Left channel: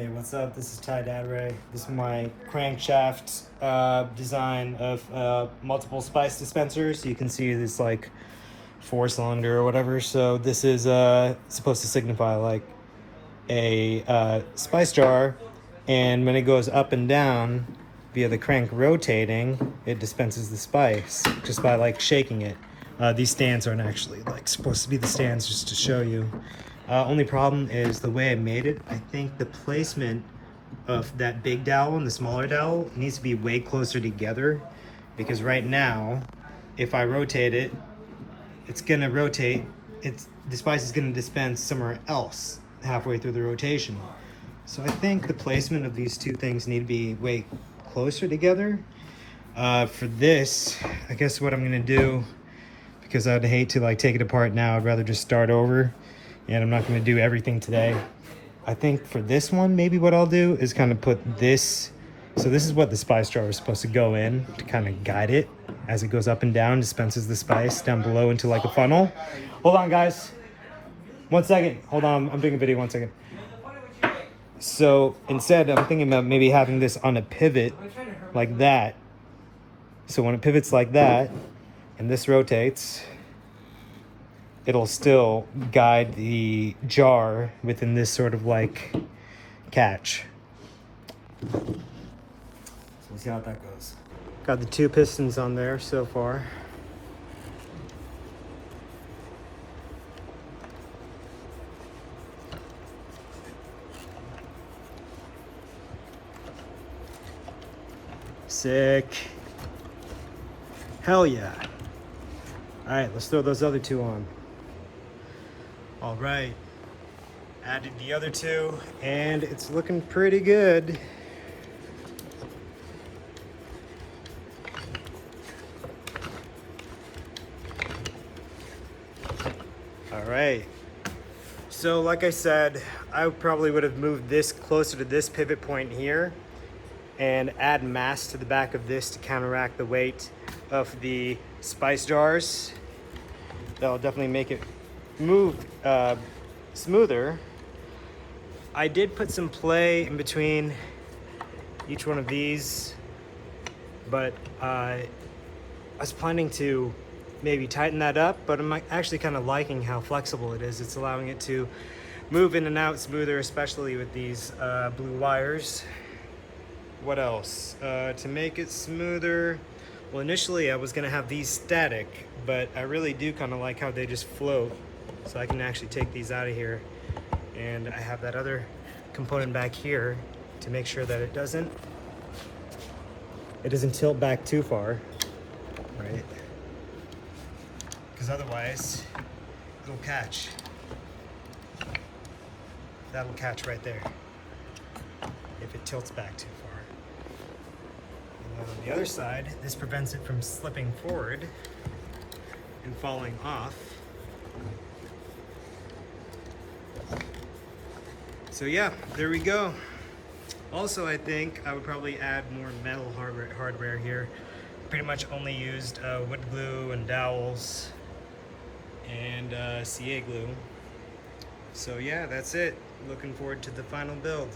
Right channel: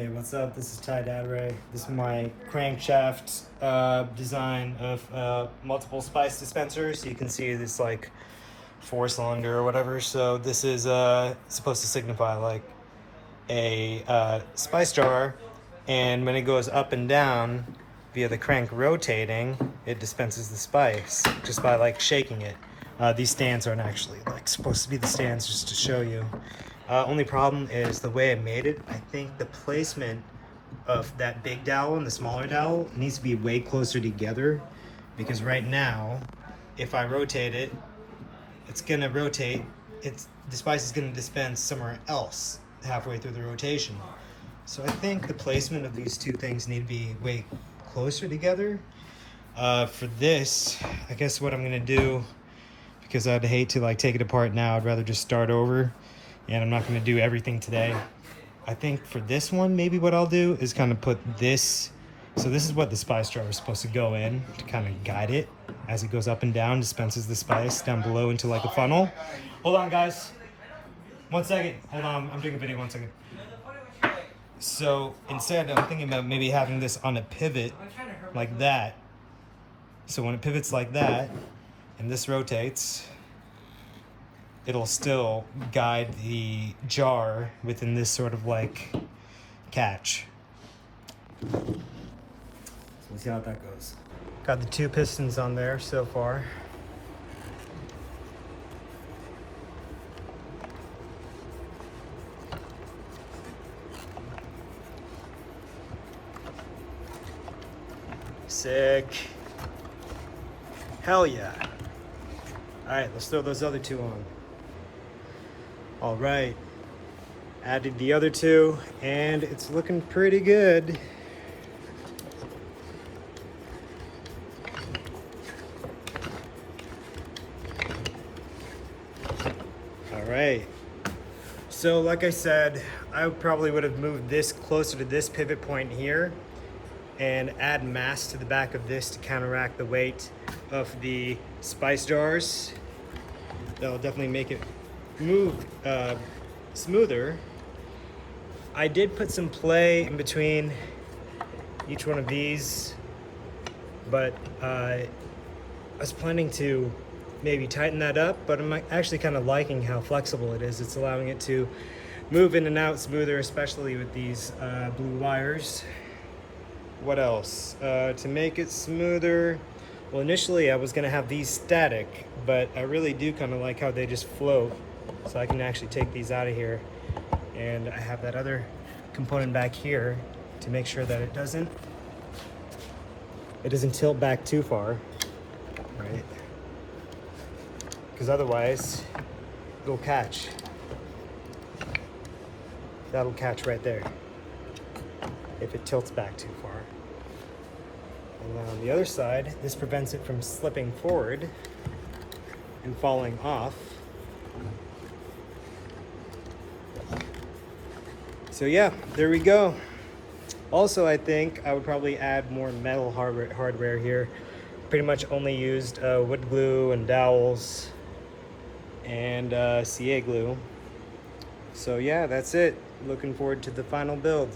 Hey, what's up? This is Ty Dabray. This is my crankshaft design of multiple spice dispensers. You can see this like 4-cylinder or whatever. So this is supposed to signify like a spice jar, and when it goes up and down via the crank rotating, it dispenses the spice just by like shaking it. These stands aren't actually like supposed to be the stands, just to show you. Only problem is the way I made it. I think the placement of that big dowel and the smaller dowel needs to be way closer together, because right now, if I rotate it, it's gonna rotate. The spice is gonna dispense somewhere else halfway through the rotation. So I think the placement of these two things need to be way closer together. For this, I guess what I'm gonna do, because I'd hate to like take it apart now, I'd rather just start over, and I'm not gonna do everything today. I think for this one, maybe what I'll do is kind of put this, so this is what the spice jar is supposed to go in to kind of guide it as it goes up and down, dispenses the spice down below into like a funnel. Hold on guys, 1 second, hold on, I'm doing a video, 1 second. So instead, I'm thinking about maybe having this on a pivot like that. So when it pivots like that, and this rotates, it'll still guide the jar within this sort of like catch. So we'll see how that goes. Got the 2 pistons on there so far. Sick. Hell yeah. All right, let's throw those other 2 on. All right, added the other 2, and it's looking pretty good. All right, so like I said, I probably would have moved this closer to this pivot point here and add mass to the back of this to counteract the weight of the spice jars. That'll definitely make it move smoother. I did put some play in between each one of these, but I was planning to maybe tighten that up, but I'm actually kind of liking how flexible it is. It's allowing it to move in and out smoother, especially with these blue wires. What else? To make it smoother, well, initially I was gonna have these static, but I really do kind of like how they just float. So I can actually take these out of here, and I have that other component back here to make sure that it doesn't tilt back too far, right? Because otherwise it'll catch. That'll catch right there if it tilts back too far. And on the other side, this prevents it from slipping forward and falling off. So yeah, there we go. Also, I think I would probably add more metal hardware here. Pretty much only used wood glue and dowels and CA glue. So yeah, that's it. Looking forward to the final build.